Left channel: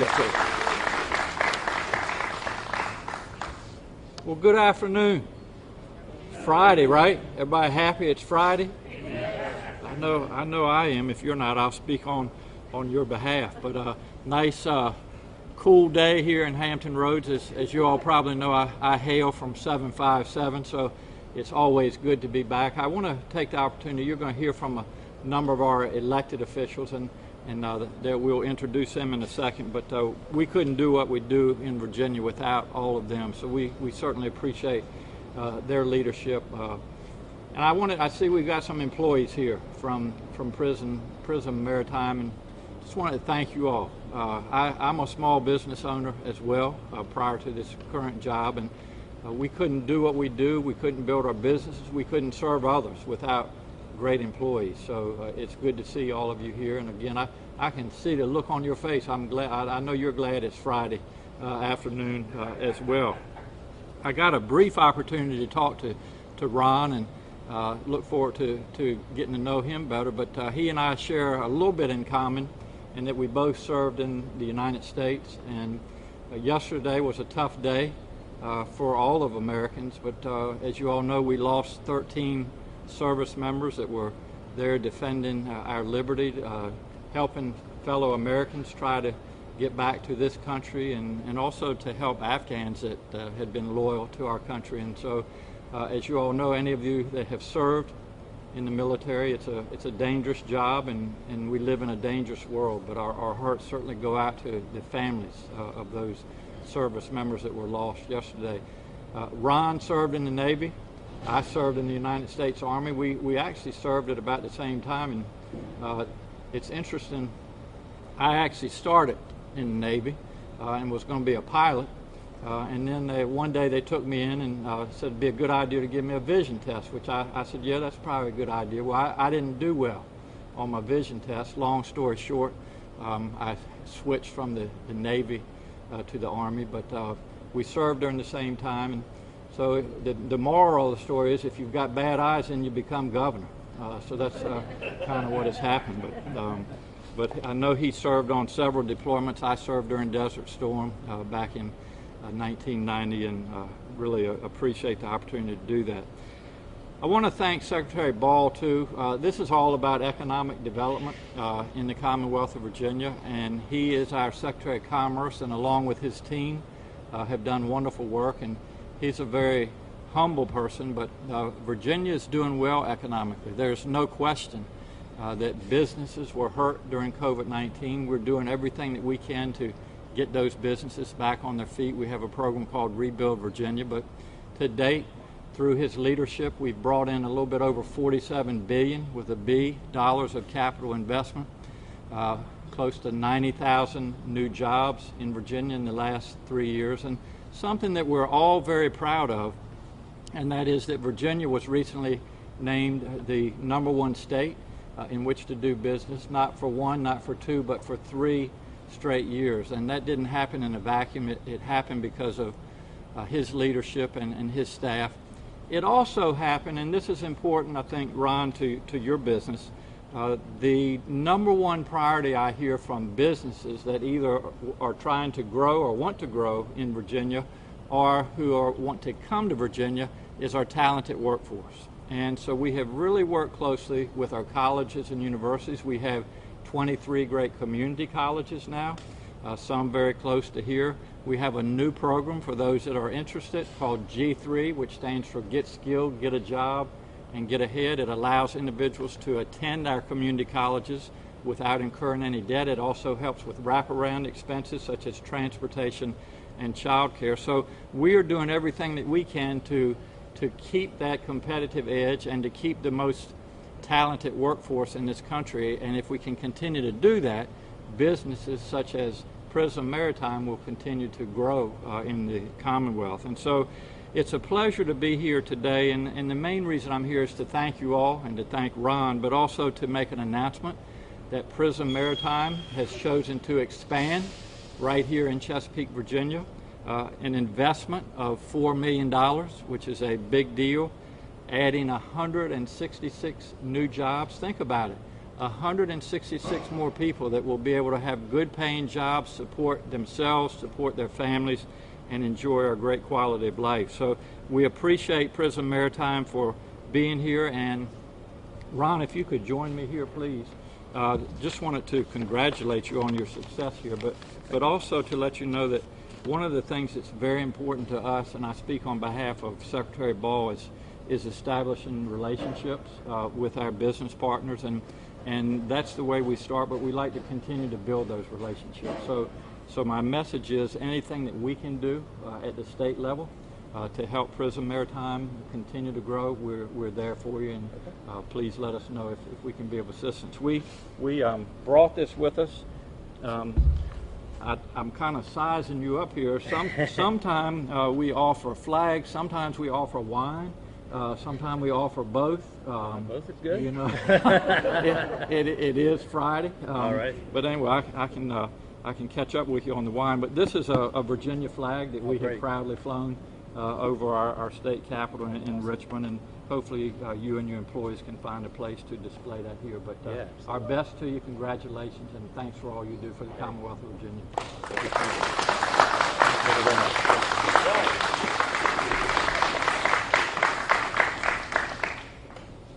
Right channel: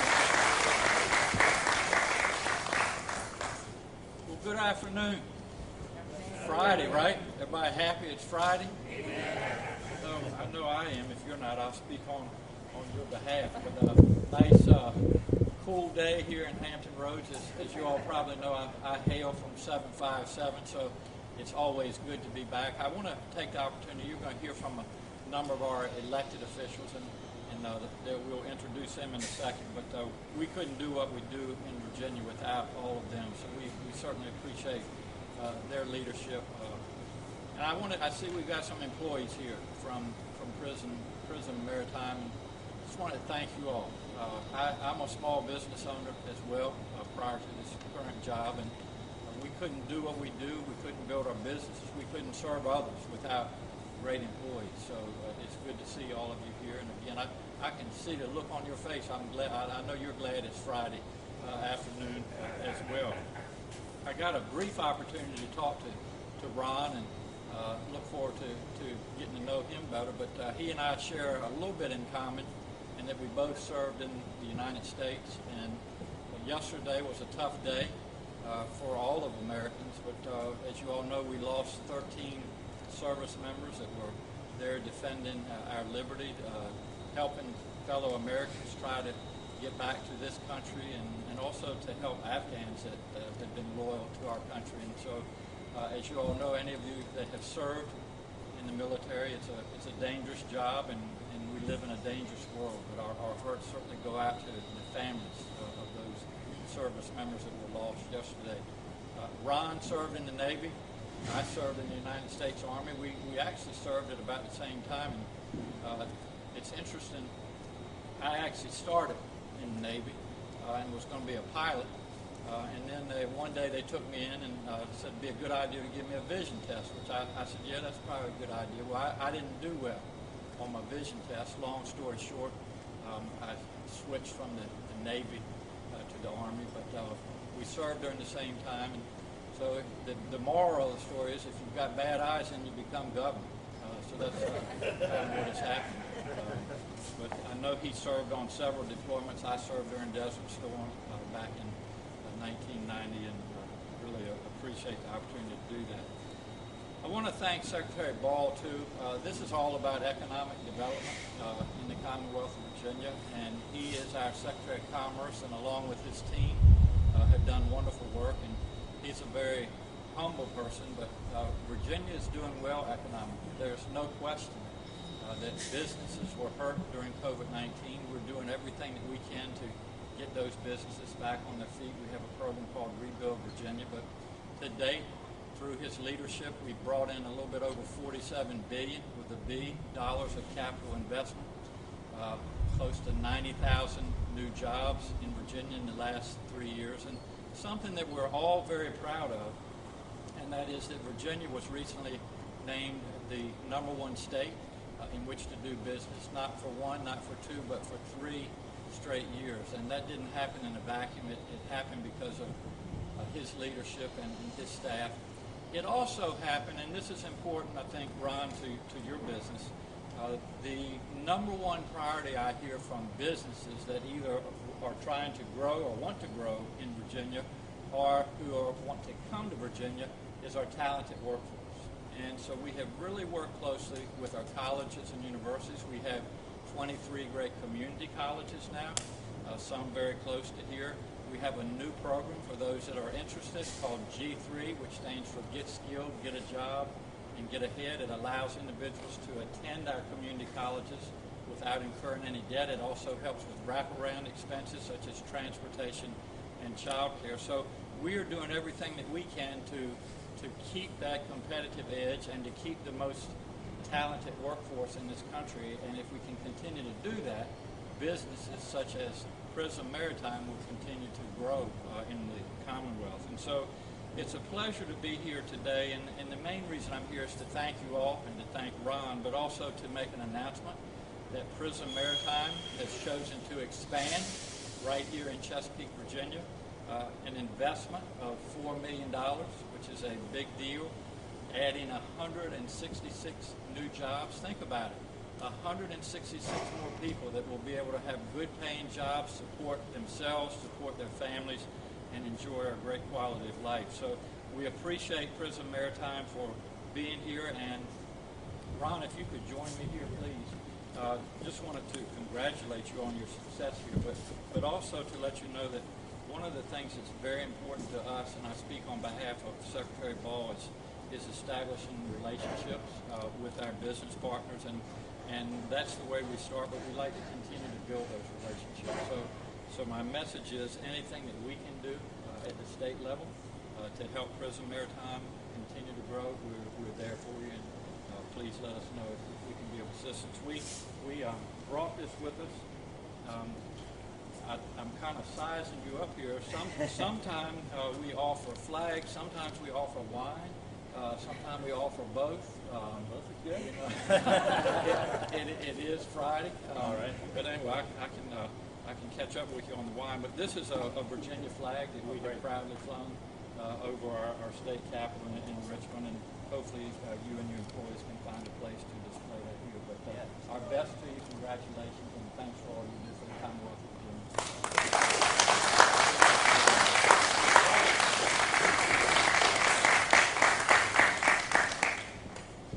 Yes, sir. Well, good afternoon. Friday, right? Everybody happy it's Friday? I know I am. If you're not, I'll speak on your behalf. But nice, cool day here in Hampton Roads. As you all probably know, I hail from 757, so it's always good to be back. I want to take the opportunity. You're going to hear from a number of our elected officials, and we'll introduce them in a second. But we couldn't do what we do in Virginia without all of them. So we certainly appreciate their leadership. And I see we've got some employees here from Prism Maritime, and just wanted to thank you all. I'm a small business owner as well prior to this current job, and we couldn't do what we do. We couldn't build our businesses. We couldn't serve others without great employees. So it's good to see all of you here. And again, I can see the look on your face. I'm glad. I know you're glad it's Friday afternoon as well. I got a brief opportunity to talk to Ron, and look forward to getting to know him better. But he and I share a little bit in common, in that we both served in the United States. And yesterday was a tough day for all of Americans. But as you all know, we lost 13 service members that were there defending our liberty, helping fellow Americans try to get back to this country, and also to help Afghans that had been loyal to our country. And so, as you all know, any of you that have served in the military, it's a dangerous job, and we live in a dangerous world. But our hearts certainly go out to the families of those service members that were lost yesterday. Ron served in the Navy. I served in the United States Army. We actually served at about the same time, and it's interesting. I actually started in the Navy and was going to be a pilot, and then one day they took me in and said it'd be a good idea to give me a vision test, which I said, yeah, that's probably a good idea. Well, I didn't do well on my vision test. Long story short, I switched from the Navy to the Army, but we served during the same time. And so the moral of the story is, if you've got bad eyes, then you become governor. So that's kind of what has happened. But I know he served on several deployments. I served during Desert Storm back in 1990, and really appreciate the opportunity to do that. I want to thank Secretary Ball, too. This is all about economic development in the Commonwealth of Virginia, and he is our Secretary of Commerce, and along with his team have done wonderful work. And he's a very humble person, but Virginia is doing well economically. There's no question that businesses were hurt during COVID-19. We're doing everything that we can to get those businesses back on their feet. We have a program called Rebuild Virginia, but to date, through his leadership, we've brought in a little bit over $47 billion with a B dollars of capital investment, close to 90,000 new jobs in Virginia in the last 3 years, and something that we're all very proud of, and that is that Virginia was recently named the #1 state in which to do business, not for one, not for two, but for 3 straight years. And that didn't happen in a vacuum. It happened because of his leadership and his staff. It also happened, and this is important, I think, Ron, to your business, the #1 priority I hear from businesses that either are trying to grow or want to grow in Virginia, or who want to come to Virginia, is our talented workforce. And so we have really worked closely with our colleges and universities. We have 23 great community colleges now, some very close to here. We have a new program for those that are interested called G3, which stands for Get Skilled, Get a Job, and Get Ahead. It allows individuals to attend our community colleges without incurring any debt. It also helps with wraparound expenses such as transportation and child care. So we are doing everything that we can to keep that competitive edge and to keep the most talented workforce in this country. And if we can continue to do that, businesses such as Prism Maritime will continue to grow in the Commonwealth. And so it's a pleasure to be here today, and the main reason I'm here is to thank you all and to thank Ron, but also to make an announcement that Prism Maritime has chosen to expand right here in Chesapeake, Virginia. An investment of $4 million, which is a big deal, adding 166 new jobs. Think about it. 166 more people that will be able to have good paying jobs, support themselves, support their families, and enjoy our great quality of life. So we appreciate Prism Maritime for being here. And Ron, if you could join me here, please. Just wanted to congratulate you on your success here, but also to let you know that one of the things that's very important to us, and I speak on behalf of Secretary Ball, is establishing relationships with our business partners, and that's the way we start, but we like to continue to build those relationships. So my message is anything that we can do at the state level to help Prism Maritime continue to grow, we're there for you, and please let us know if we can be of assistance. We brought this with us. I'm kind of sizing you up here. Sometimes we offer flags, sometimes we offer wine, sometimes we offer both. Both is good. You know, it is Friday. All right. But anyway, I can catch up with you on the wine. But this is a Virginia flag that we have proudly flown over our state capitol in Richmond, and hopefully you and your employees can find a place to display that here. But yes, our best to you, congratulations, and thanks for all you do for the Commonwealth of Virginia.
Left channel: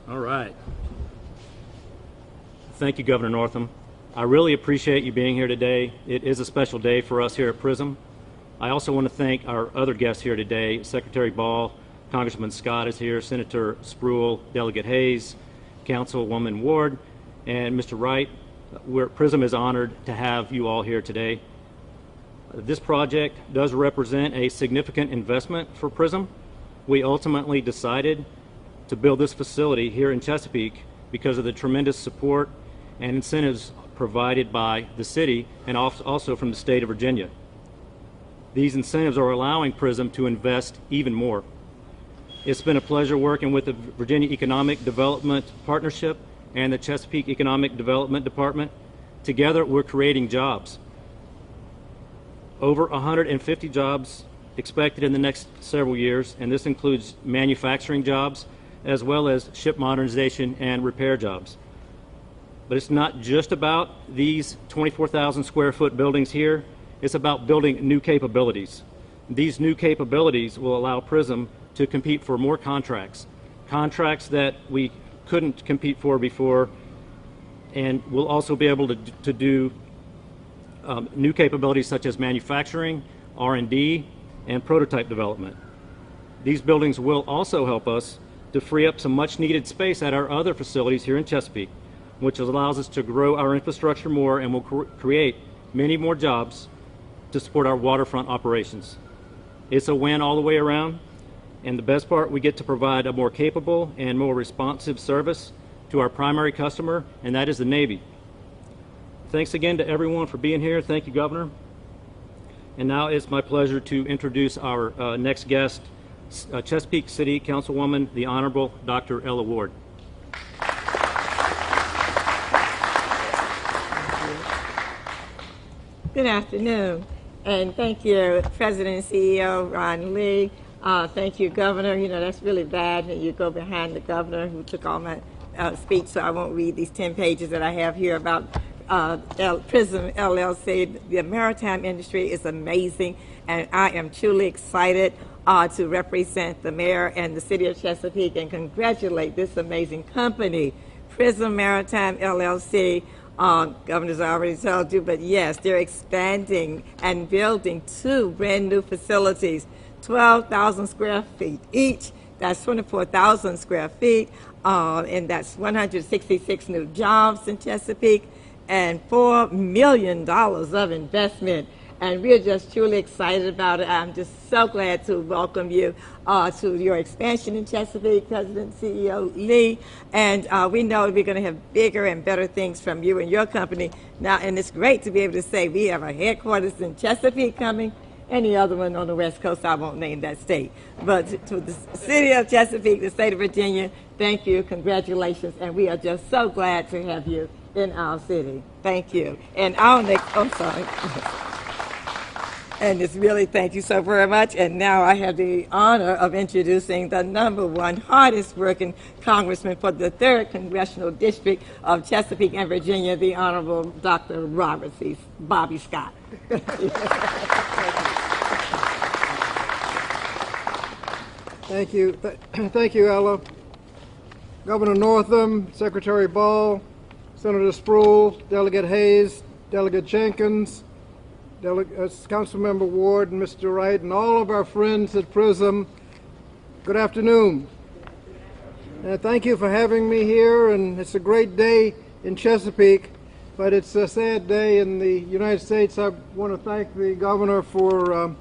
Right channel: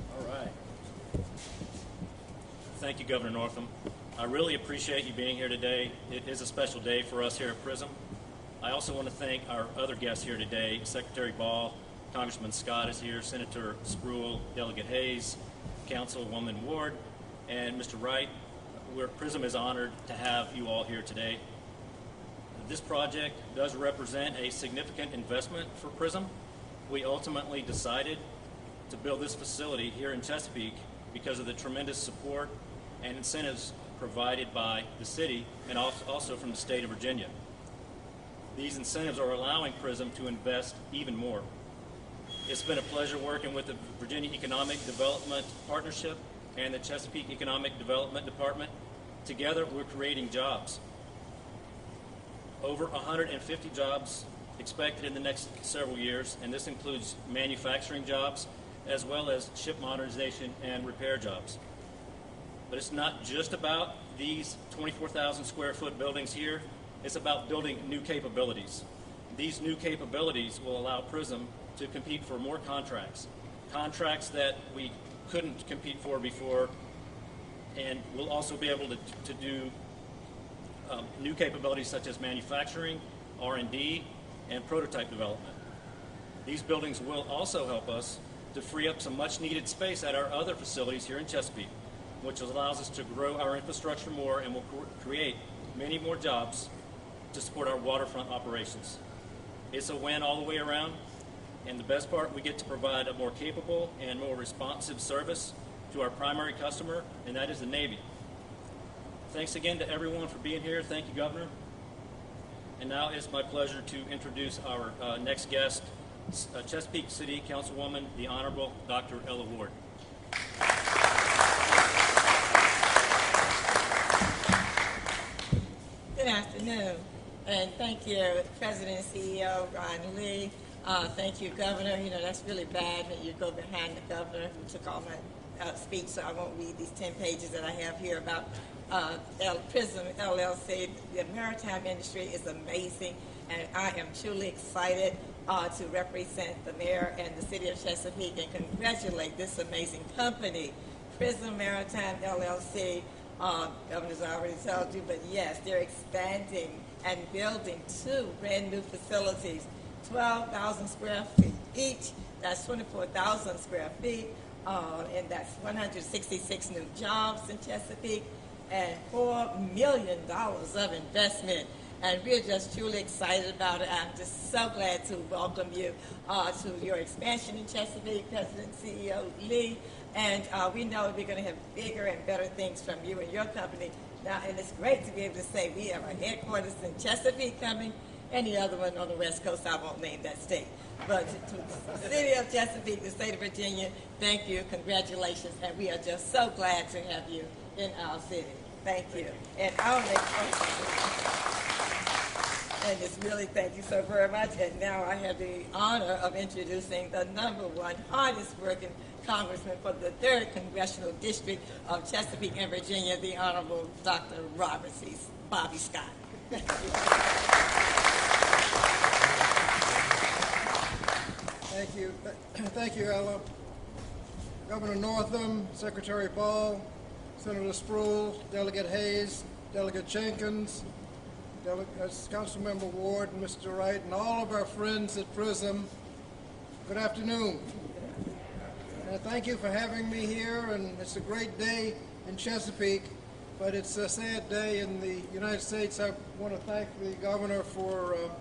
All right. Thank you, Governor Northam. I really appreciate you being here today. It is a special day for us here at PRISM. I also want to thank our other guests here today. Secretary Ball, Congressman Scott is here, Senator Spruill, Delegate Hayes, Councilwoman Ward, and Mr. Wright. PRISM is honored to have you all here today. This project does represent a significant investment for PRISM. We ultimately decided to build this facility here in Chesapeake because of the tremendous support and incentives provided by the city and also from the state of Virginia. These incentives are allowing PRISM to invest even more. It's been a pleasure working with the Virginia Economic Development Partnership and the Chesapeake Economic Development Department. Together, we're creating jobs. Over 150 jobs expected in the next several years, and this includes manufacturing jobs as well as ship modernization and repair jobs. But it's not just about these 24,000 square foot buildings here. It's about building new capabilities. These new capabilities will allow PRISM to compete for more contracts that we couldn't compete for before, and we'll also be able to do new capabilities such as manufacturing, R&D, and prototype development. These buildings will also help us to free up some much needed space at our other facilities here in Chesapeake, which allows us to grow our infrastructure more and will create many more jobs to support our waterfront operations. It's a win all the way around. And the best part, we get to provide a more capable and more responsive service to our primary customer, and that is the Navy. Thanks again to everyone for being here. Thank you, Governor. And now it's my pleasure to introduce our next guest, Chesapeake City Councilwoman, the Honorable Dr. Ella Ward. Good afternoon, and thank you, President and CEO Ron Lee. Thank you, Governor. You know, that's really bad when you go behind the governor who took all my speech, so I won't read these 10 pages that I have here about PRISM LLC. The maritime industry is amazing, and I am truly excited to represent the mayor and the city of Chesapeake and congratulate this amazing company, PRISM Maritime LLC. Governor's already told you, but yes, they're expanding and building 2 brand new facilities, 12,000 square feet each. That's 24,000 square feet, and that's 166 new jobs in Chesapeake and $4 million of investment. And we're just truly excited about it. I'm just so glad to welcome you to your expansion in Chesapeake, President CEO Lee. And we know we're going to have bigger and better things from you and your company now. And it's great to be able to say we have a headquarters in Chesapeake coming. Any other one on the West Coast, I won't name that state. But to the city of Chesapeake, the state of Virginia, thank you, congratulations. And we are just so glad to have you in our city. Thank you. And our next, oh, sorry. And it's really, thank you so very much. And now I have the honor of introducing the #1 hardest working congressman for the 3rd Congressional District of Chesapeake and Virginia, the Honorable Dr. Robert C. Bobby Scott. Thank you. Thank you, Ella. Governor Northam, Secretary Ball, Senator Sproul, Delegate Hayes, Delegate Jenkins, Councilmember Ward, and Mr. Wright, and all of our friends at PRISM, good afternoon. And thank you for having me here, and it's a great day in Chesapeake, but it's a sad day in the United States. I want to thank the governor for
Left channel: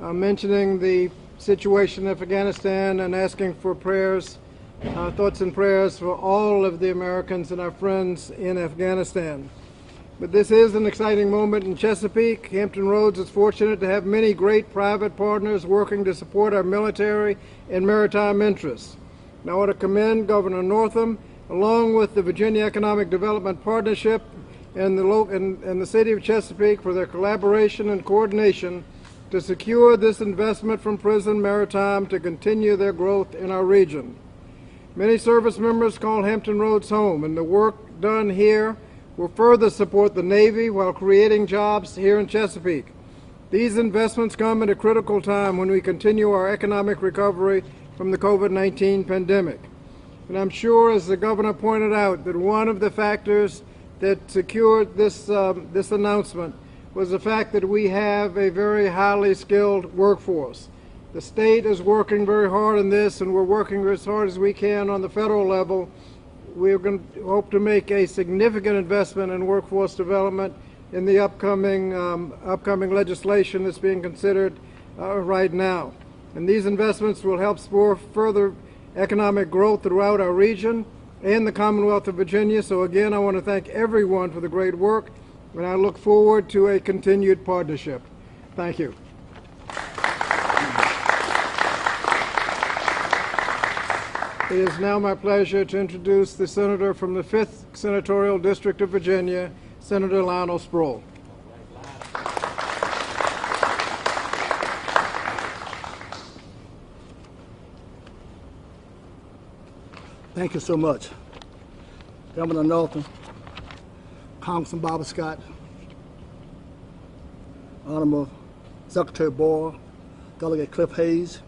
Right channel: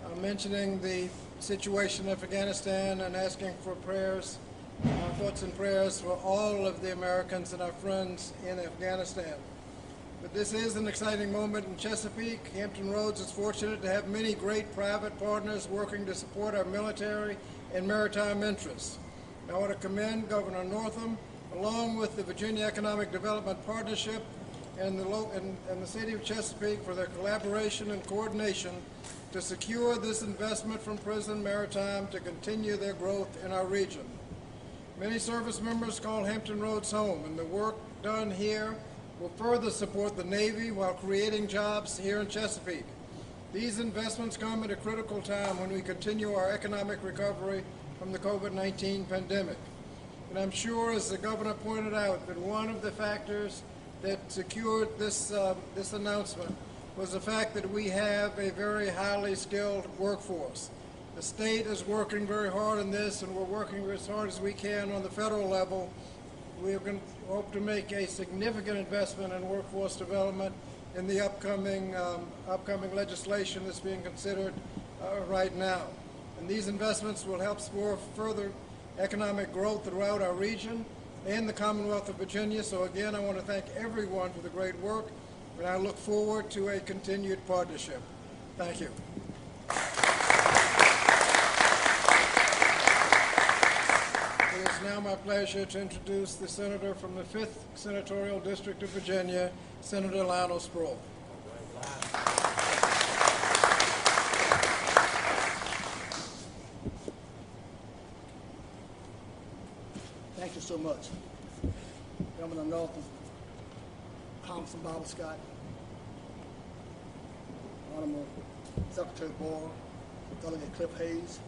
mentioning the situation in Afghanistan and asking for prayers, thoughts and prayers for all of the Americans and our friends in Afghanistan. But this is an exciting moment in Chesapeake. Hampton Roads is fortunate to have many great private partners working to support our military and maritime interests. And I want to commend Governor Northam, along with the Virginia Economic Development Partnership and the City of Chesapeake for their collaboration and coordination to secure this investment from Prism Maritime to continue their growth in our region. Many service members call Hampton Roads home, and the work done here will further support the Navy while creating jobs here in Chesapeake. These investments come at a critical time when we continue our economic recovery from the COVID-19 pandemic. And I'm sure, as the governor pointed out, that one of the factors that secured this announcement was the fact that we have a very highly skilled workforce. The state is working very hard on this, and we're working as hard as we can on the federal level. We're going to hope to make a significant investment in workforce development in the upcoming legislation that's being considered right now. And these investments will help spur further economic growth throughout our region and the Commonwealth of Virginia. So again, I want to thank everyone for the great work, and I look forward to a continued partnership. Thank you. It is now my pleasure to introduce the senator from the 5th Senatorial District of Virginia, Senator Lionel Sproul. Thank you so much, Governor Northam, Congressman Bobby Scott, Honorable Secretary Boyle, Delegate Cliff Hayes,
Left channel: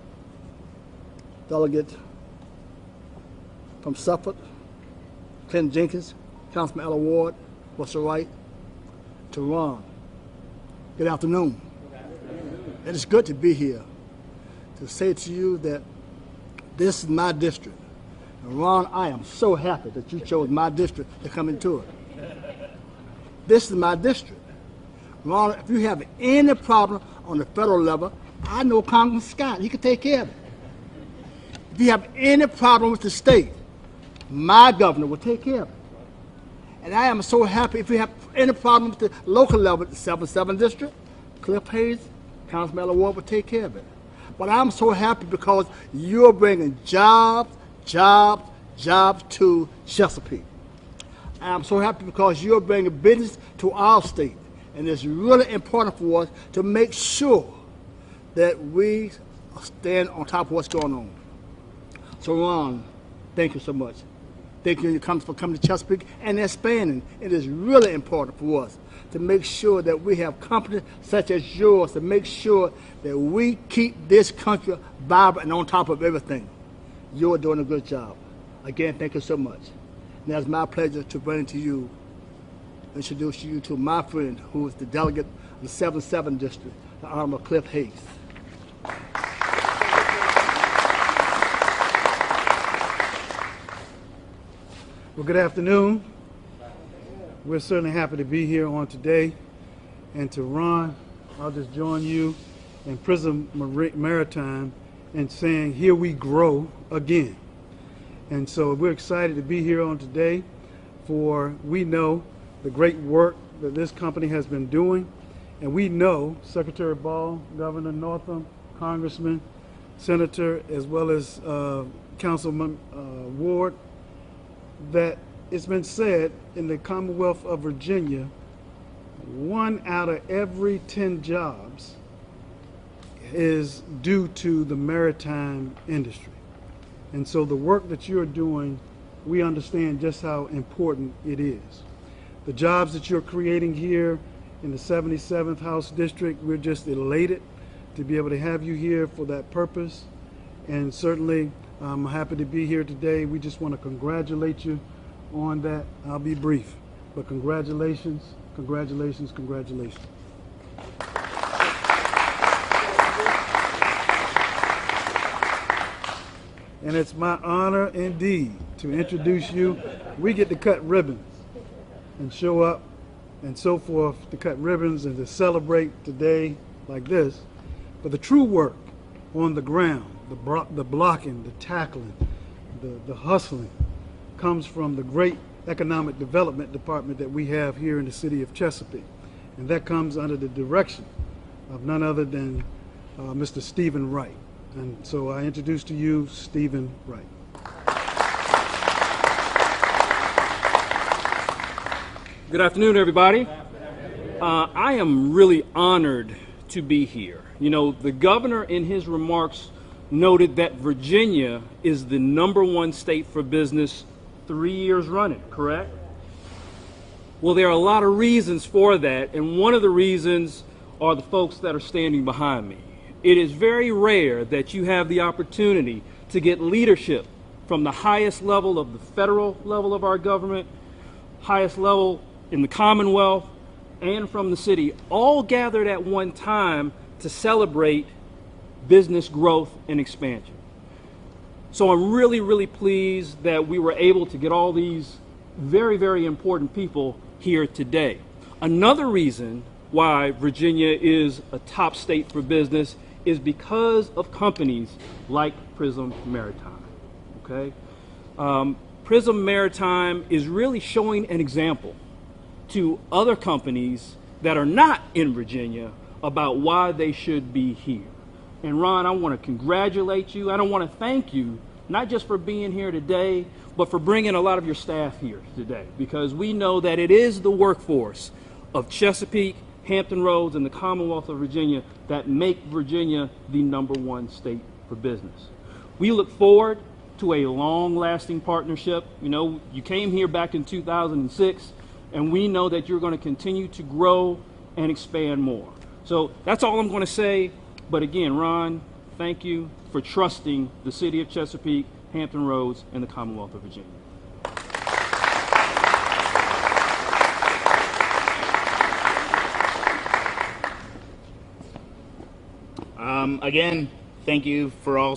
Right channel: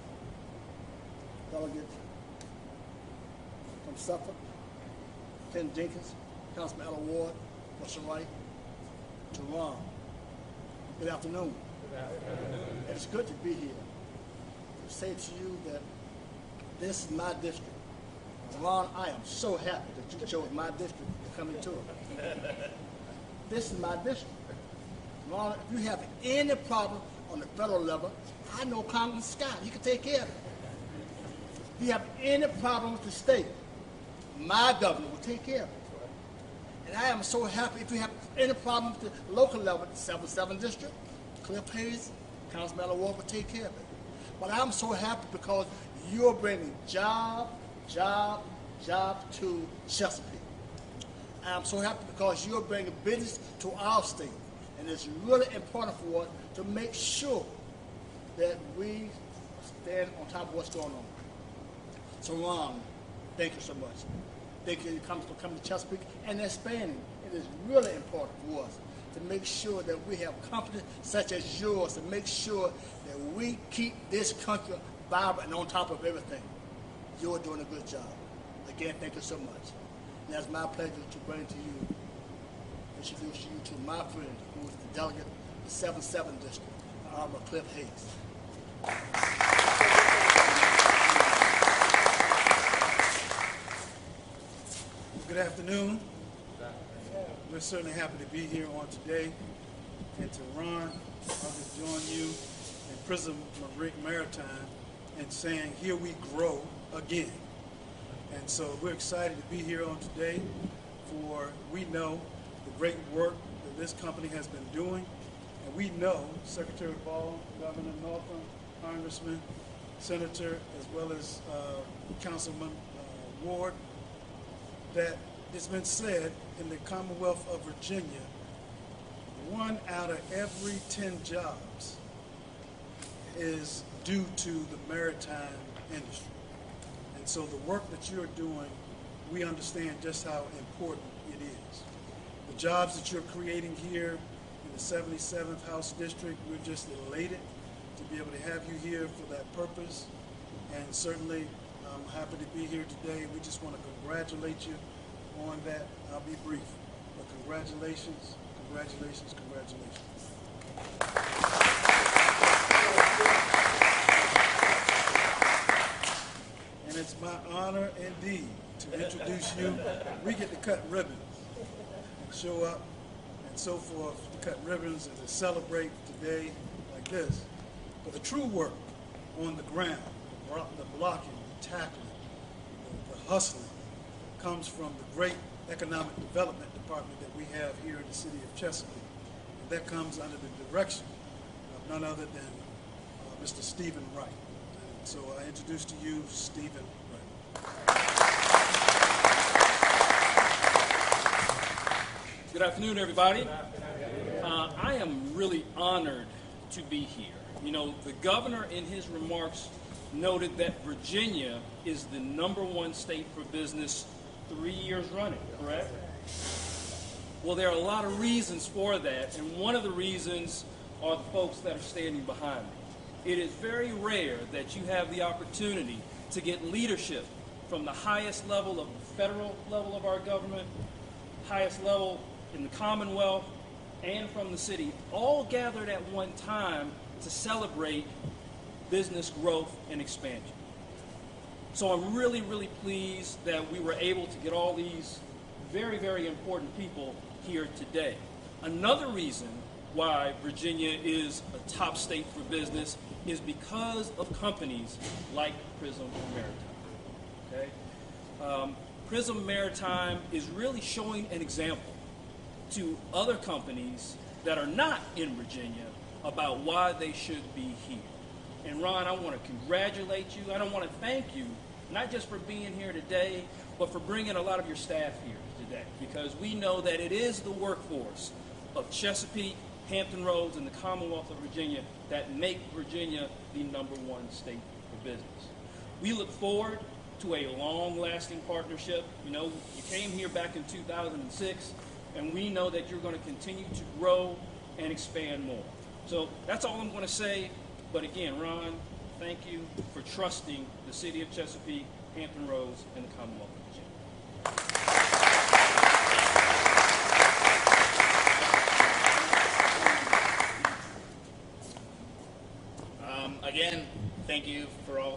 Delegate from Suffolk, Clinton Jenkins, Councilman Ella Ward, Mr. Wright, to Ron. Good afternoon. It is good to be here to say to you that this is my district. And Ron, I am so happy that you chose my district to come into it. This is my district. Ron, if you have any problem on the federal level, I know Congressman Scott. He can take care of it. If you have any problem with the state, my governor will take care of it. And I am so happy if you have any problem with the local level, the 7th District, Cliff Hayes, Councilman Ella Ward will take care of it. But I'm so happy because you're bringing jobs to Chesapeake. I'm so happy because you're bringing business to our state. And it's really important for us to make sure that we stand on top of what's going on. So Ron, thank you so much. Thank you for coming to Chesapeake and expanding. It is really important for us to make sure that we have companies such as yours to make sure that we keep this country vibrant and on top of everything. You're doing a good job. Again, thank you so much. And it's my pleasure to bring to you, introduce you to my friend who is the delegate of the 7th District, the Honorable Cliff Hayes. Well, good afternoon. We're certainly happy to be here on today. And to Ron, I'll just join you in Prism Maritime in saying, here we grow again. And so we're excited to be here on today, for we know the great work that this company has been doing. And we know Secretary Ball, Governor Northam, Congressman, Senator, as well as Councilman Ward, that it's been said in the Commonwealth of Virginia, 1 out of every 10 jobs is due to the maritime industry. And so the work that you're doing, we understand just how important it is. The jobs that you're creating here in the 77th House District, we're just elated to be able to have you here for that purpose. And certainly, I'm happy to be here today. We just want to congratulate you on that. I'll be brief, but congratulations, congratulations, congratulations. And it's my honor indeed to introduce you. We get to cut ribbons and show up and so forth to cut ribbons and to celebrate today like this. But the true work on the ground, the blocking, the tackling, the hustling comes from the great economic development department that we have here in the city of Chesapeake. And that comes under the direction of none other than Mr. Stephen Wright. And so I introduce to you Stephen Wright. Good afternoon, everybody. I am really honored to be here. You know, the governor in his remarks noted that Virginia is the #1 state for business 3 years running, correct? Well, there are a lot of reasons for that, and one of the reasons are the folks that are standing behind me. It is very rare that you have the opportunity to get leadership from the highest level of the federal level of our government, highest level in the Commonwealth, and from the city, all gathered at one time to celebrate business growth and expansion. So I'm really, really pleased that we were able to get all these very, very important people here today. Another reason why Virginia is a top state for business is because of companies like Prism Maritime, okay? Prism Maritime is really showing an example to other companies that are not in Virginia about why they should be here. And Ron, I want to congratulate you. I want to thank you, not just for being here today, but for bringing a lot of your staff here today, because we know that it is the workforce of Chesapeake, Hampton Roads, and the Commonwealth of Virginia that make Virginia the #1 state for business. We look forward to a long-lasting partnership. You know, you came here back in 2006, and we know that you're going to continue to grow and expand more. So that's all I'm going to say. But again, Ron, thank you for trusting the city of Chesapeake, Hampton Roads, and the Commonwealth of Virginia. Again, thank you for all